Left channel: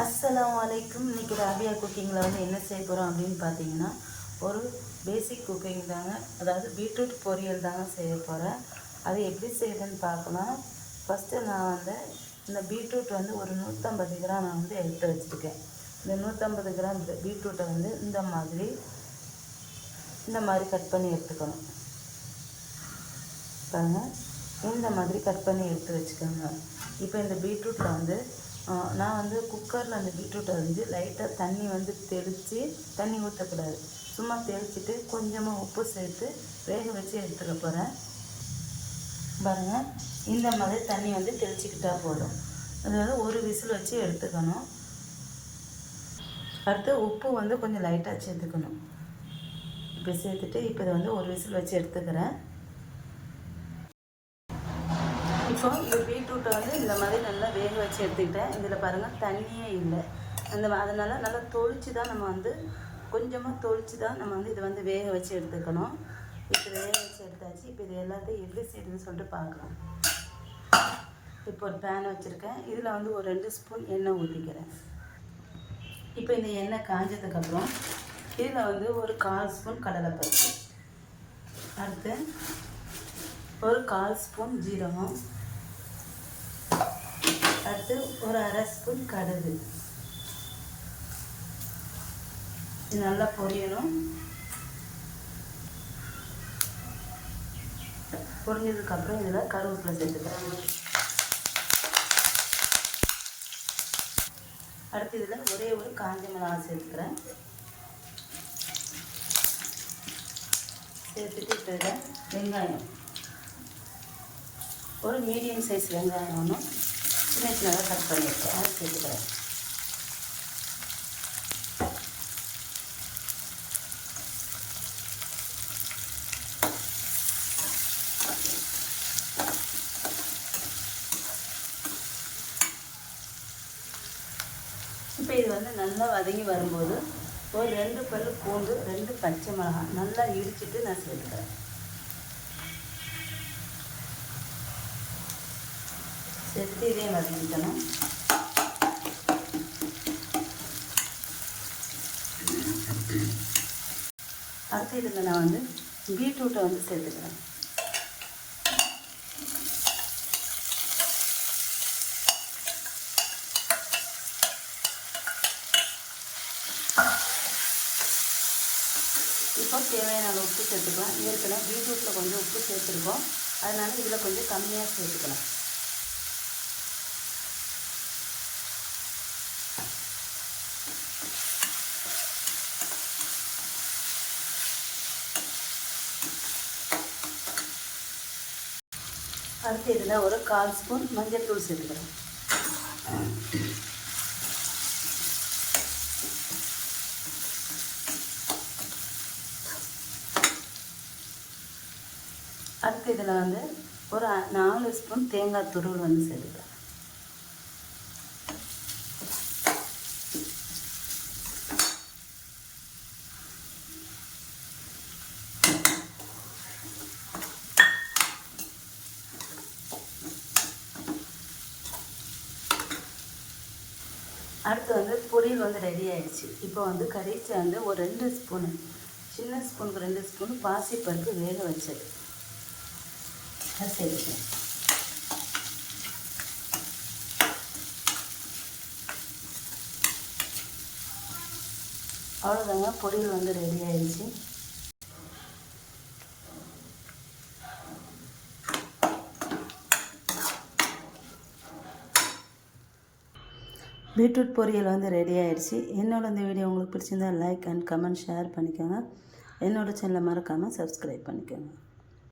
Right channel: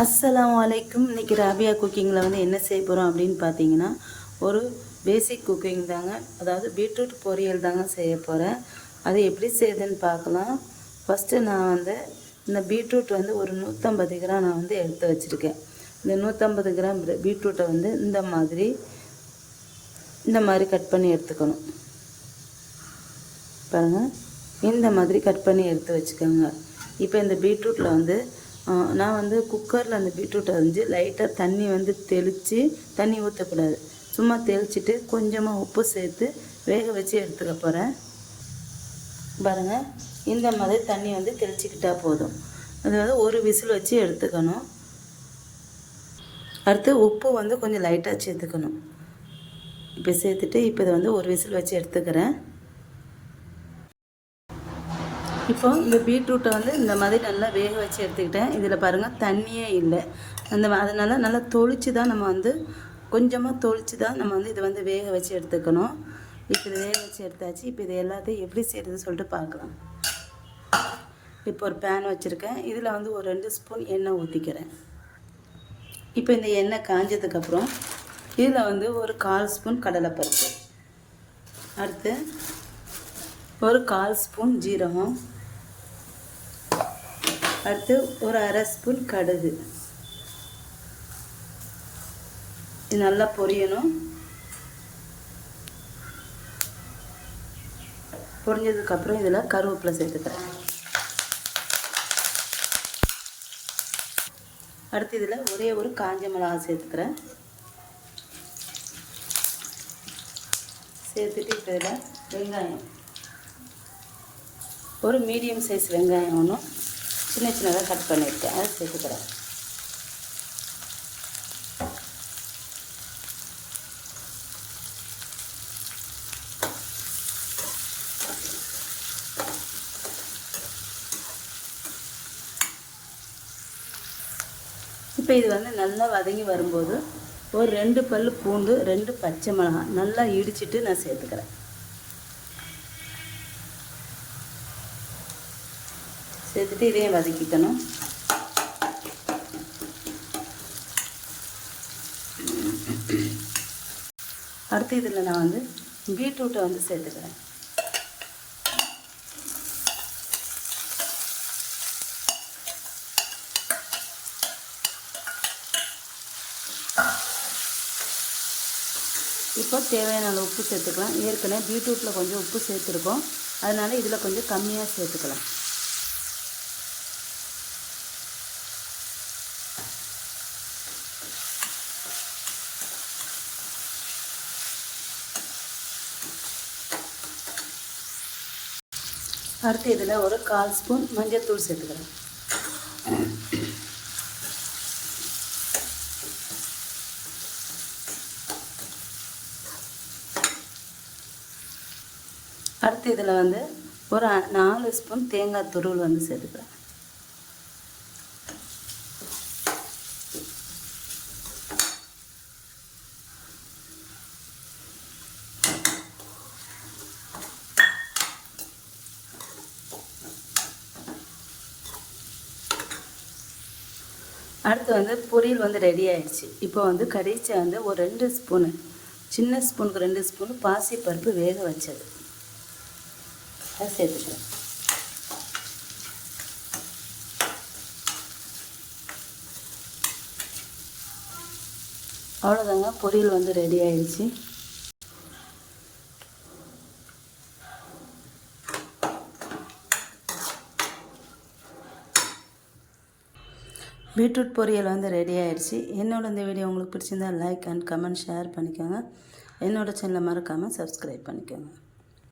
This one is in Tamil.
அஸ்லாம் வலைக்கும் இன்றைக்கி ராபியா குக்கிங்கில் வந்து என்ன செய்ய போகிறோம் அப்படின்னு பார்த்தீங்கன்னா ஒரு பேசிக் குக்கிங் தாங்க. அதாவது பீட்ரூட் பொரியல் தாங்க செய்ய போகிறேன் அது எப்படி செய்யுதுன்னு பார்க்கலாம். ஃபஸ்ட்டு நான் வந்து இந்த பீட்ரூட் வந்து ஒரு நூற்றம்பது கிராம் நான் வந்து எடுத்து வச்சுருக்கேன். இந்த நூற்றம்பது கிராம் பீட்ரூட்டை வந்து இந்த மாதிரி இந்த மாதிரி கட் பண்ணி எடுத்துக்கணும். பாருங்கள் இந்த மாதிரி கட் பண்ணி எடுத்து வச்சுக்கோங்க. இப்போ இந்த பீட்ரூட்டில் வந்து நான் வந்து குக்கரில் அந்த பீட்ரூட்டை வந்து லைட்டாக தண்ணி வந்து தெளித்து தண்ணி ஊற்றக்கூடாது சும்மா தெளிச்சுட்டு கொஞ்சமாக உப்பு சேர்த்து வேக வச்சு எடுத்துக்க போகிறேன் பாருங்கள் இந்த மாதிரி தண்ணி வந்து தெளிச்சிக்கிட்டா போதும். அதாவது ஒரு விசில் வச்சு எடுத்துக்கணும். அடுத்து உப்பு வந்து கொஞ்சம் லைட்டாக சேர்த்துக்கணும். இப்போ சேர்த்துட்டு இப்போ இதை வந்து ஒரு விசில் வச்சு எடுத்துக்கிறேன். இப்போ இந்த பீட்ரூட்டை வந்து இந்த மாதிரி நல்லா வேக வச்சு எடுத்துக்கிட்டேன். இதில் பாருங்கள் தண்ணியே இல்லை. அந்த அதனால் நல்லா தொளிச்சு தான் நம்ம வந்து கொஞ்சமாக தொளிச்சு தான் நம்ம வந்து இதை வந்து வேக வச்சு எடுத்துக்கணும். இப்போ இதை வேக வச்சு எடுத்தாச்சு. இப்போ இதை எல்லாத்தையும் எப்படி செய்யறதுன்னு சொல்லிட்டு பார்க்கலாம். இப்போ ஒரு பேன் வச்சுருக்கேன். இதில் வந்து ஒரு ரெண்டு ஸ்பூன் எண்ணெய் ஊற்றிக்கிறேன் இப்போ இந்த எண்ணெய் காஞ்சதுக்கப்புறம் இதில் வந்து ஒரு கால் ஸ்பூன் கடலைப்பருப்பு. அடுத்து ஒரு கால் ஸ்பூன் ஜீரகம். அடுத்து ஒரு அரை ஸ்பூன் கடுகு. இது நல்லா பொரியணும். பொரிஞ்சதுக்கப்புறம் இதில் கருவேப்பிலை சேர்த்துக்கிறேன். அடுத்து இதில் ஒரே ஒரு காஞ்ச மிளகாய் சேர்த்துக்கிறேன். சேர்த்துட்டு இப்போ இதில் வெங்காயம். ஒரு மீடியம் சைஸ் வெங்காயம் ஒன்று சின்ன சின்னதாக கட் பண்ணியிருக்கேன். அதை இப்போ இது வந்து நல்லா வதங்கி வரும்போது ஒரு ரெண்டு பல் பூண்டு ரெண்டு பச்சை மிளகாய் நல்லா இடிச்சிட்டு நான் சேர்த்துக்கிறேன். சேர்த்துட்டு இதையும் வதக்கிக்கணும். அடுத்து இதில் நான் வந்து பீட்ரூட்டை வந்து சேர்த்துக்கிறேன். இப்போ தேவையான உப்பு சேர்த்துக்கலாம். ஏற்கனவே பீட்ரூட்டில் கொஞ்சம் உப்பு சேர்த்துருக்கோம். அதனால் இதில் கொஞ்சம் கம்மியாக சேர்த்துக்கலாம். அடுத்து இதில் ஒரு கால் ஸ்பூன் மஞ்சத்தூள் சேர்த்துக்கலாம். அடுத்து இதில் வந்து ஒரு நாலு ஸ்பூன் தேங்காய் துருள் வந்து சேர்த்துக்கிறேன் அடுத்து வந்து பொரியல் வந்து ரெடி ஆயிடுச்சு. இப்போ வந்து கடைசி வந்து ஒரு ரெண்டு ஸ்பூனு சின்ன ஸ்பூனுக்கு ரெண்டு ஸ்பூன் பாசி பருப்பு வேக வச்சது. சரி அவ்வளோதாங்க பொரியல் வந்து ரெடி ஆயிடுச்சு. பீட்ரூட் பொரியல் வந்து ரெடி ஆயிடுச்சு. என்னோட இந்த வீடியோ உங்களுக்கு பிடிச்சிருந்தா லைக் அண்ட் கமெண்ட் ஷேர் பண்ணிக்கோங்க. என்னோட சேனலை மறக்காமல் சப்ஸ்கிரைப் பண்ணிக்கோங்க.